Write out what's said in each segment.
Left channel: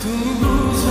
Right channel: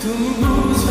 Tu me luz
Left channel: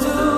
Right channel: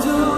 जो